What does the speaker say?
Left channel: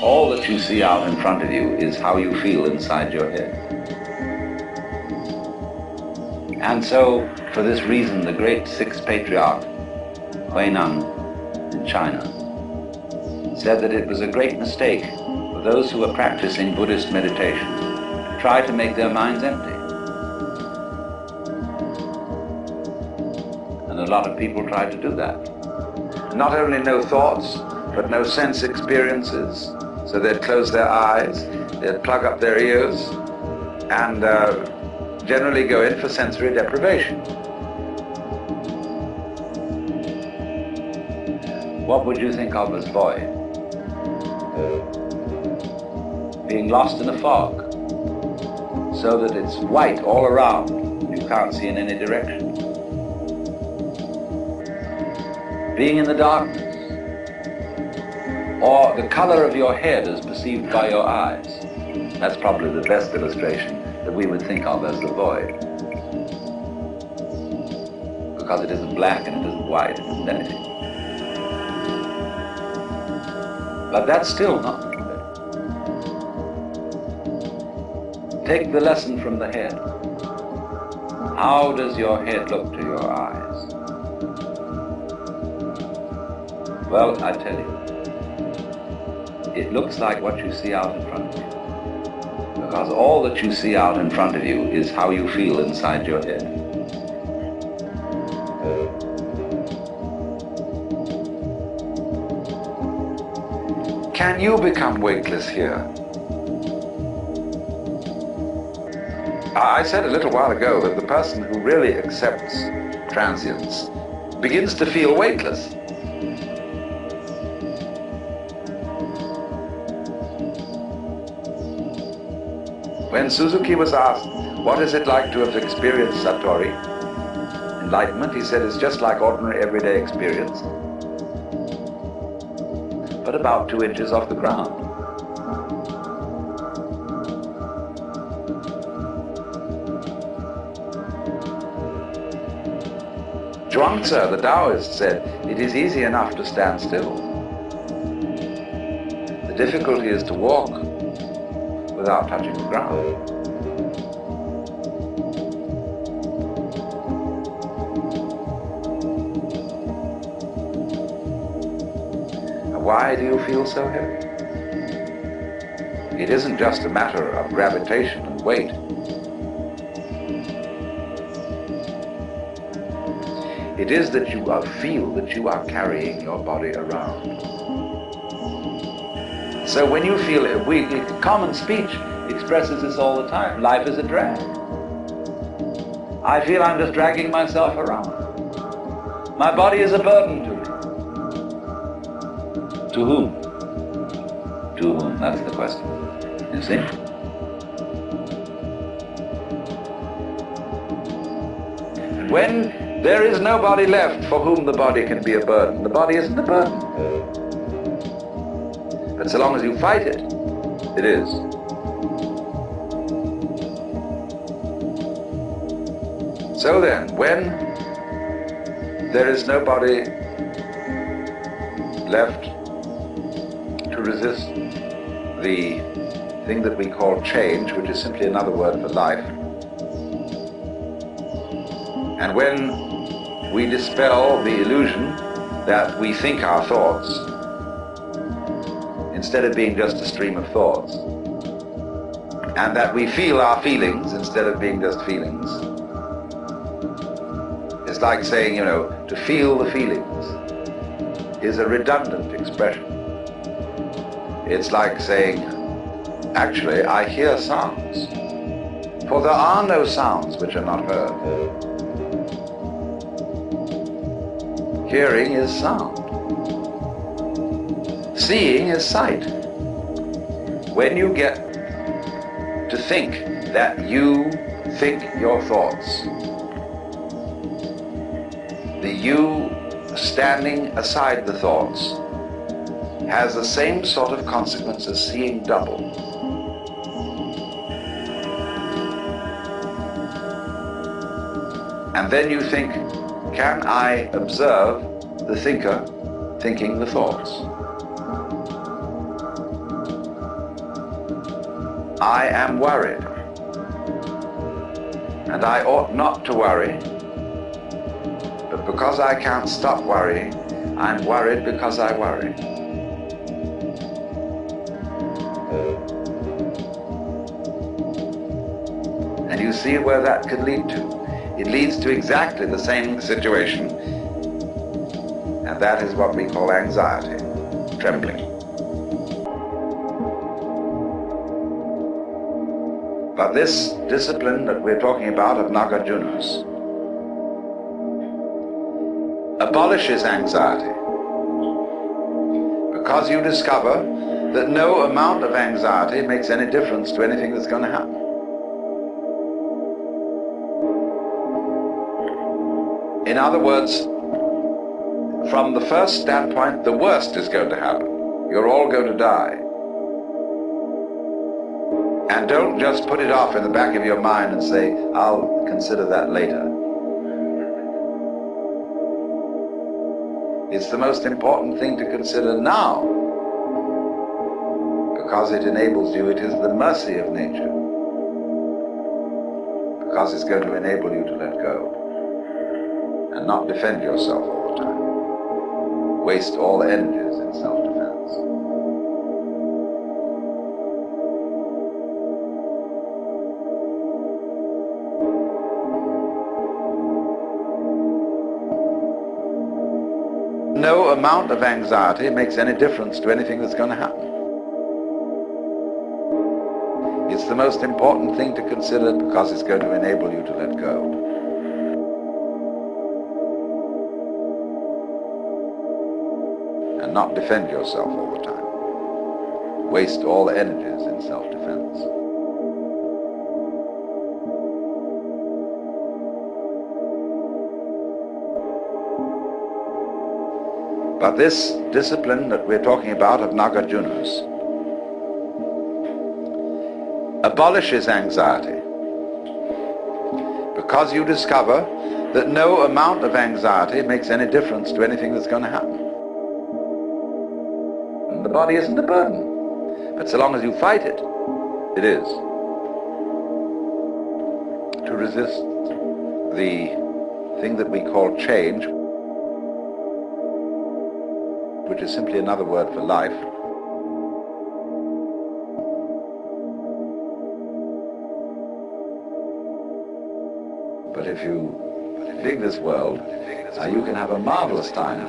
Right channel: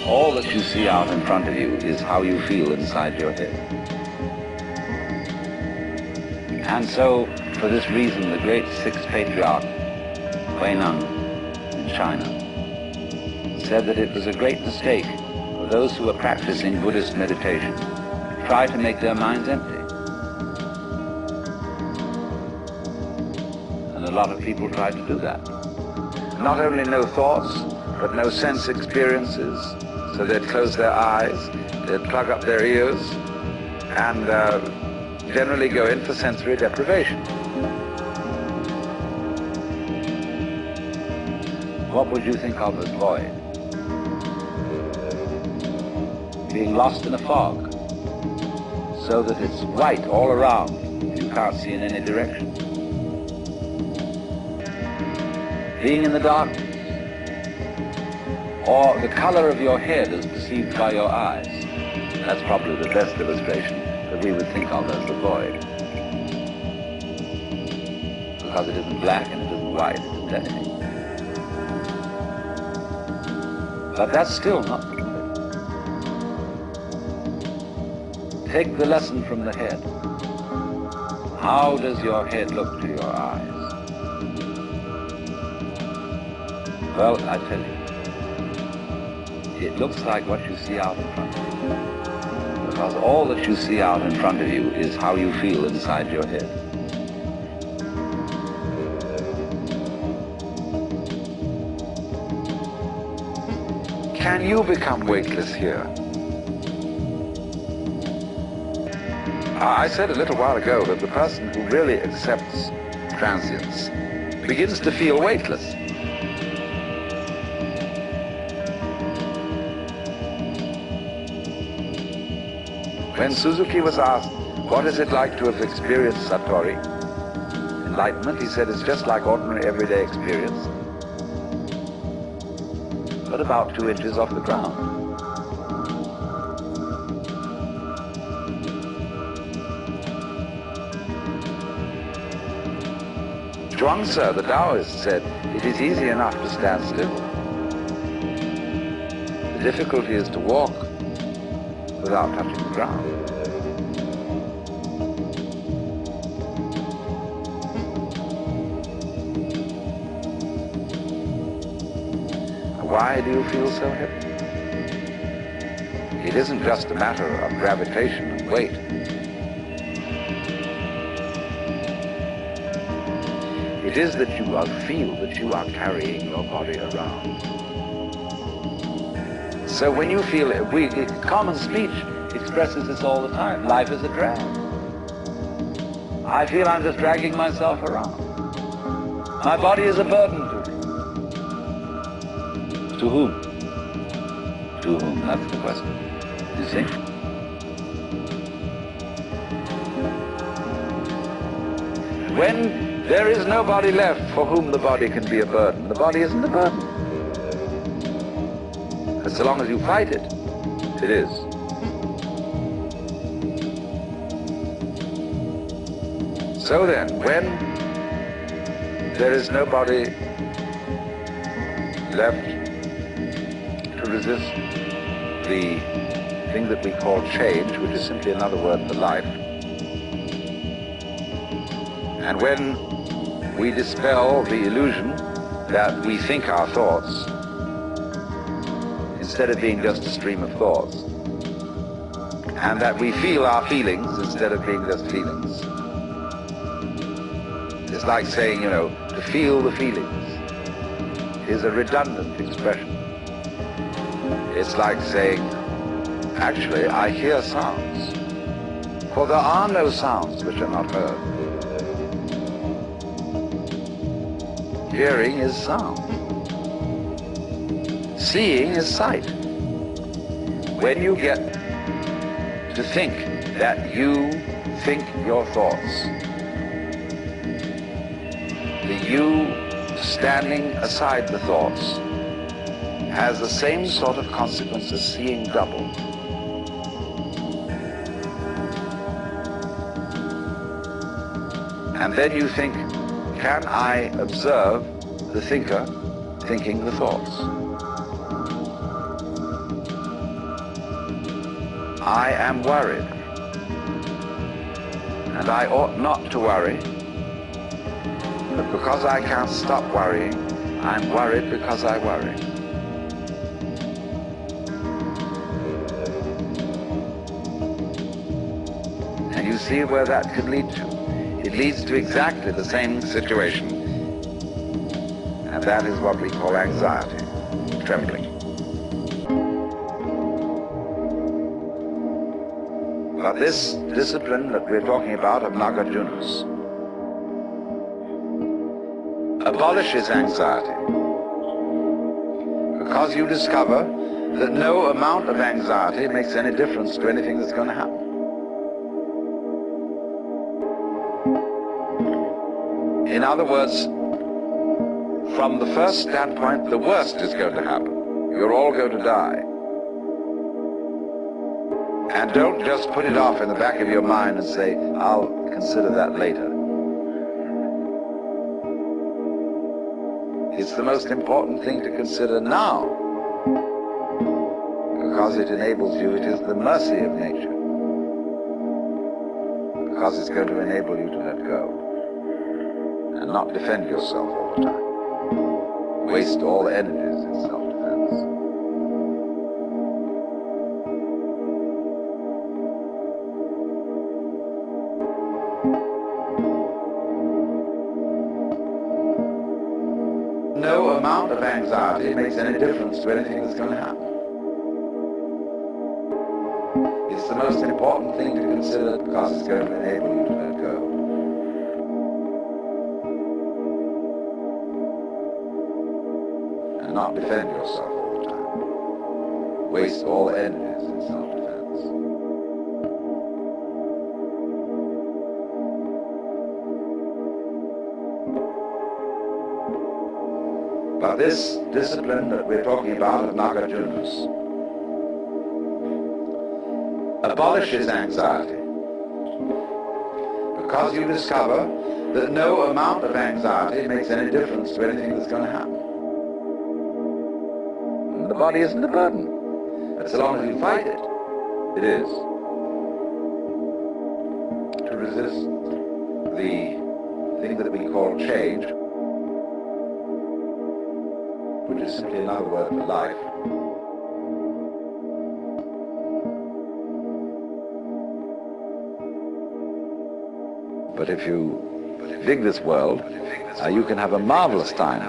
All that you see out in front of you is how you feel inside your head. And so, for this reason, the great sixth patriarch, Huineng, in China, said that it was a great mistake for those who were practicing Buddhist meditation to try to make their minds empty. And a lot of people try to do that. Not only no thoughts, but no sense experiences. So they'd close their eyes, they'd plug up their ears, and generally go in for sensory deprivation. What would you think of this boy? Being lost in a fog, so that it's white all around, you can't see in any direction. Being in the darkness, or the color of your head as perceived by your eyes. That's probably the best illustration that we would think of as the void. Because it isn't black and it isn't white, it isn't anything. But that's still not complete. Take the lesson from the head. How does your head look to your eyes? Well, I tell you, it looks like what you see out in front of you. Because all that you see out in front of you is how you feel inside your head. Can you become weightless here? I said a little while ago that the person who really accepts transience begins to feel weightless. When Suzuki was asked, what is it like to have experienced Satori, enlightenment, he said it's just like ordinary everyday experience, but about 2 inches off the ground. Zhuangzi, the Taoist, said, it is easy enough to stand still. The difficulty is to walk without touching the ground. Now, why do you feel so heavy? It isn't just a matter of gravitation and weight. It is that you feel that you are carrying your body around. So when you feel it, common speech expresses this all the time. Life is a drag. I feel I'm just dragging myself around. My body is a burden to me. To whom? To whom? That's the question. You see? And when there is nobody left for whom the body can be a burden, the body isn't a burden. But so long as you fight it, it is. So then, when there is nobody left to resist the thing that we call change, which is simply another word for life, and when we dispel the illusion that we think our thoughts, instead of being just a stream of thoughts, and that we feel our feelings instead of being just feelings. It's like saying, to feel the feelings is a redundant expression. It's like saying, actually, I hear sounds, for there are no sounds which are not heard. Hearing is sound. Seeing is sight. When you get to think that you think your thoughts, the you standing aside the thoughts has the same sort of consequence as seeing double. And then you think, can I observe the thinker thinking the thoughts? I am worried, and I ought not to worry, but because I can't stop worrying, I'm worried because I worry. And you see where that can lead to. It leads to exactly the same situation, and that is what we call anxiety, trembling. But this discipline that we're talking about of Nagarjunas abolishes anxiety because you discover that no amount of anxiety makes any difference to anything that's going to happen. In other words, from the first standpoint, the worst is going to happen. You're all going to die. And don't just put it off in the back of your mind and say, I'll consider that later. It's the most important thing to consider now, because it enables you, it is the mercy of nature, because it's going to enable you to let go and not defend yourself all the time, waste all energies in self-defense. No amount of anxiety makes any difference to anything that's going to happen. It's the most important thing to consider because it's going to enable you to let go. And not defend yourself all the time. Waste all the energies in self-defense. But this discipline that we're talking about of Nagarjunas abolishes anxiety because you discover that no amount of anxiety makes any difference to anything that's going to happen. And the body isn't a burden, but so long as you fight it, it is. To resist the thing that we call change, which is simply another word for life. But if you dig this world, you can have a marvelous time.